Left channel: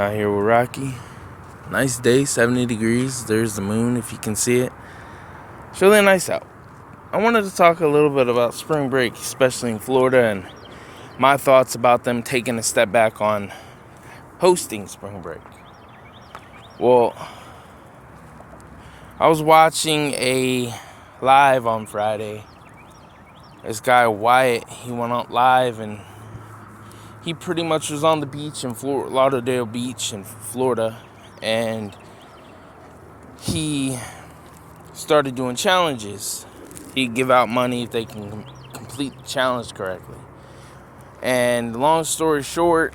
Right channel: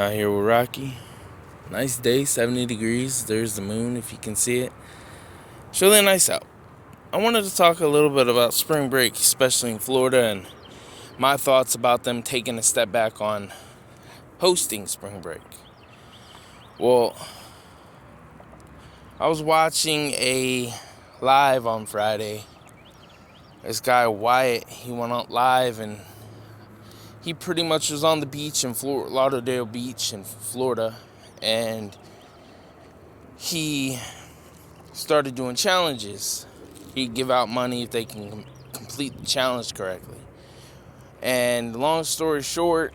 Out here with Rocky. Nice day, 70 degrees. There's the moon if you can see it. It's really nice out. I wanted to talk a little bit about spring break, especially in Florida, and my thoughts about them taking a step back on hosting spring break. Well, I was watching a live on Friday. This guy Wyatt, he went out live and he pretty much was on the beach in Lauderdale Beach in Florida, and he started doing challenges. He'd give out money if they can complete the challenge correctly. And long story short,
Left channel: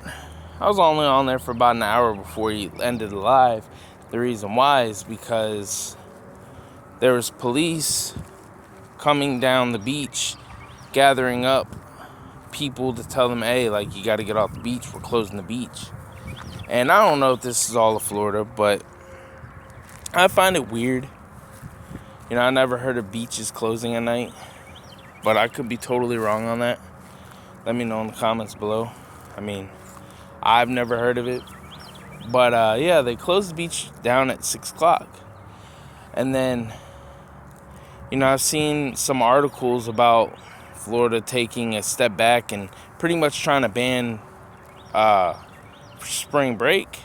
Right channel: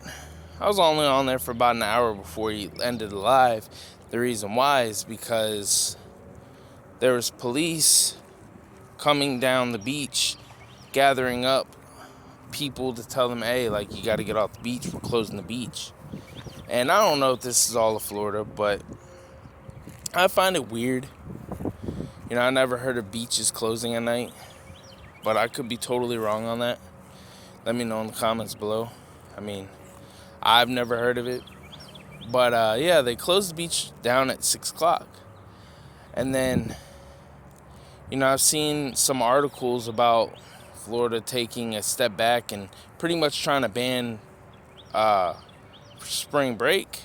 I was only on there for about an hour before he ended the live. The reason why is because there was police coming down the beach, gathering up people to tell them, hey, like, you got to get off the beach, we're closing the beach. And I don't know if this is all of Florida, but I find it weird. You know, I never heard of beaches closing at night, but I could be totally wrong on that. Let me know in the comments below. I mean, I've never heard of it, but yeah, they closed the beach down at 6 o'clock. And then, you know, I've seen some articles about Florida taking a step back and pretty much trying to ban spring break,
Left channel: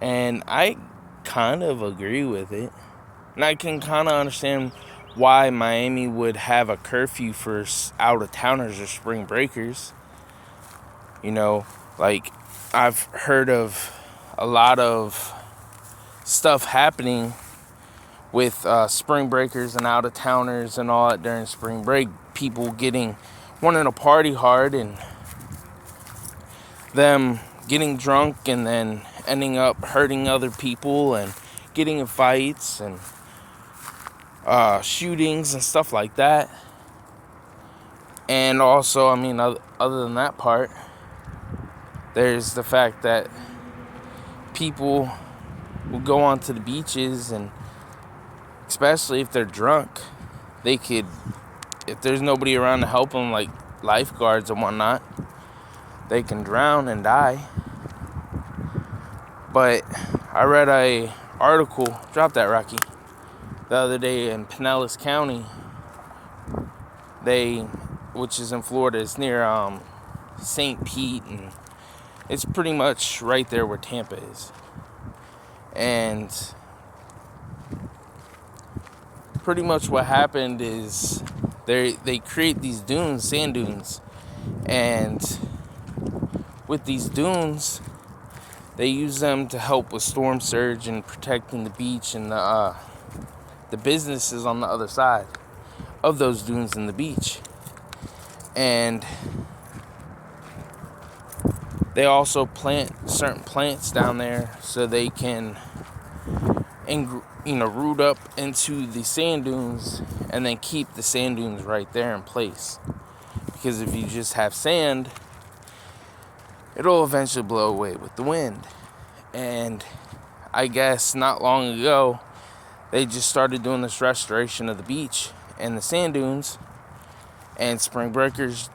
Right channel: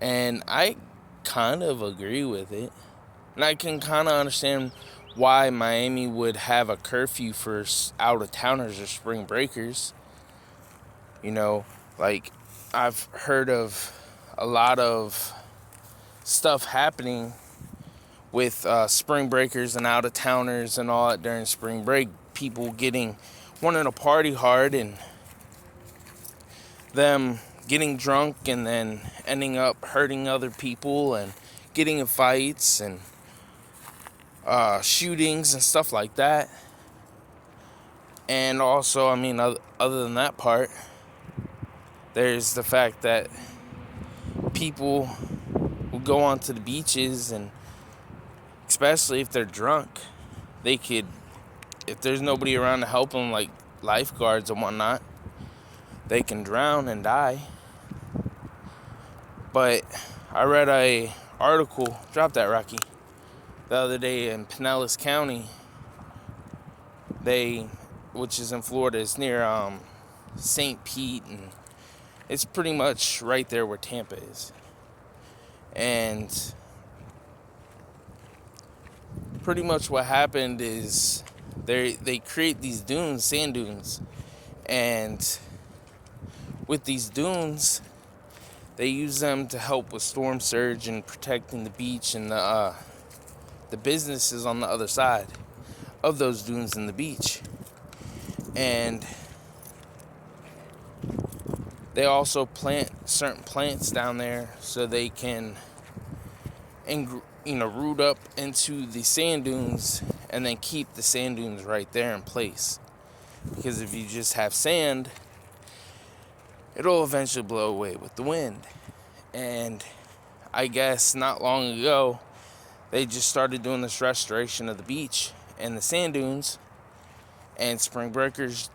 and I kind of agree with it. And I can kind of understand why Miami would have a curfew for out-of-towners or spring breakers. You know, like, I've heard of a lot of stuff happening with spring breakers and out-of-towners and all that during spring break. People wanting to party hard and them getting drunk and then ending up hurting other people and getting in fights and shootings and stuff like that. And also, I mean, other than that part, there's the fact that people will go onto the beaches, and especially if they're drunk, they could, if there's nobody around to help them, like lifeguards and whatnot, they can drown and die. But I read a article, drop that, Rocky, the other day in Pinellas County, which is in Florida, it's near St. Pete, and it's pretty much right there where Tampa is. And pretty much what happened is they create these dunes, sand dunes, and with these dunes, they use them to help with storm surge and protecting the beach and the businesses on the other side of those dunes and the beach. And they also plant certain plants down there so they can, root up into the sand dunes and then keep the sand dunes right there in place. Because if you just have sand, it'll eventually blow away with the wind. And I guess not long ago, they just started doing this restoration of the beach and the sand dunes, and spring breakers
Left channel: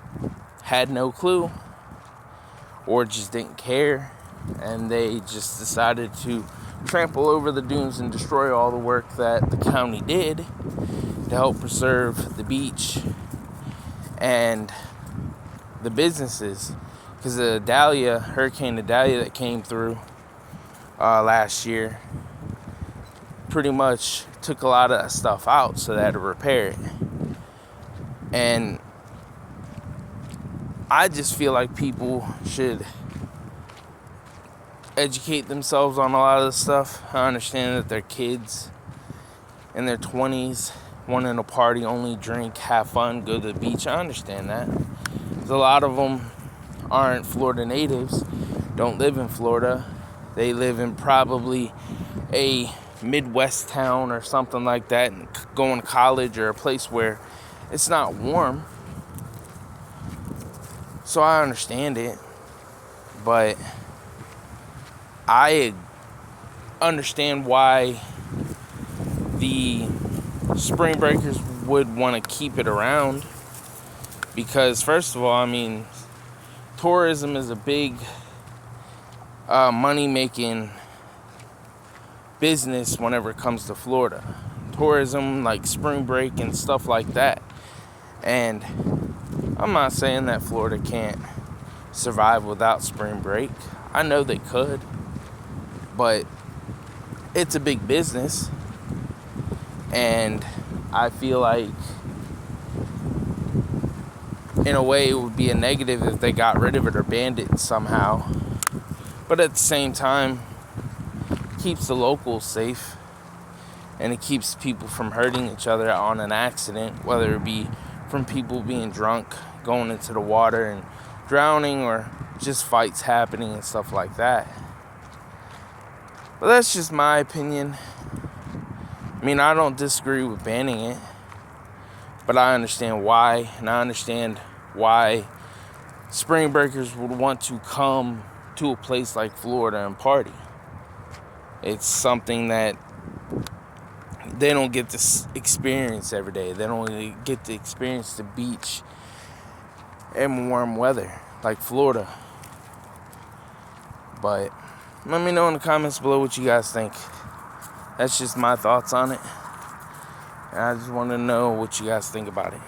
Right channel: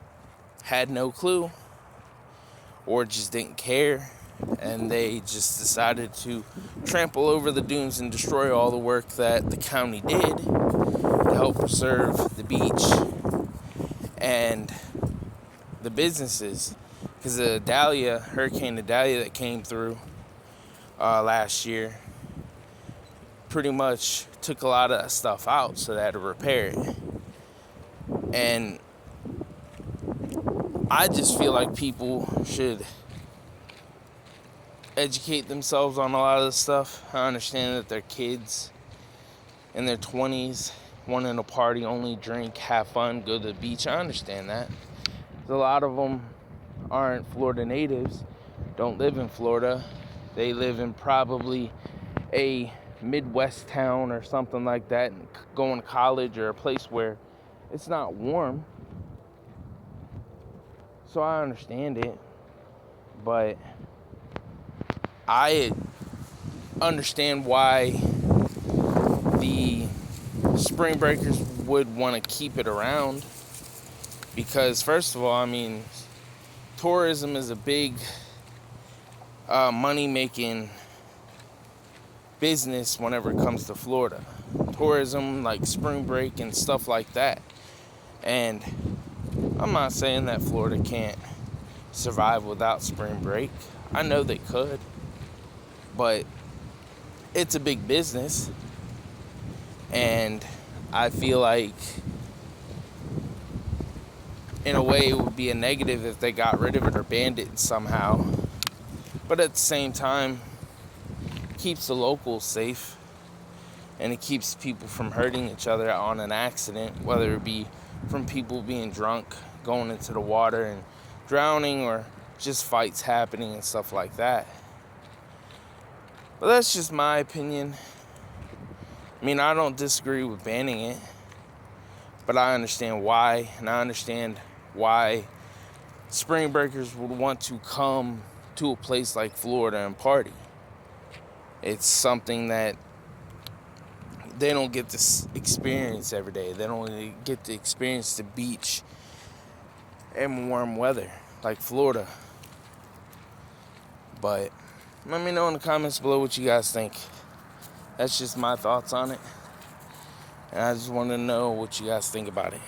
had no clue or just didn't care, and they just decided to trample over the dunes and destroy all the work that the county did to help preserve the beach and the businesses. Because the Hurricane Idalia that came through last year pretty much took a lot of that stuff out, so they had to repair it. And I just feel like people should educate themselves on a lot of this stuff. I understand that they're kids in their 20s, wanting to party, only drink, have fun, go to the beach. I understand that. A lot of them aren't Florida natives, don't live in Florida. They live in probably a Midwest town or something like that, and going to college or a place where it's not warm. So I understand it, but I understand why the spring breakers would want to keep it around. Because first of all, I mean, tourism is a big money making business whenever it comes to Florida. Tourism, like spring break and stuff like that. And I'm not saying that Florida can't survive without spring break. I know they could, but it's a big business, and I feel like in a way it would be a negative if they got rid of it or banned it somehow. But at the same time, it keeps the locals safe, and it keeps people from hurting each other on an accident, whether it be from people being drunk, going into the water and drowning, or just fights happening and stuff like that. But that's just my opinion. I mean, I don't disagree with banning it, but I understand why, and I understand why spring breakers would want to come to a place like Florida and party. It's something that they don't get to experience every day. They don't really get to experience the beach in warm weather like Florida. But let me know in the comments below what you guys think. That's just my thoughts on it. And I just want to know what you guys think about it.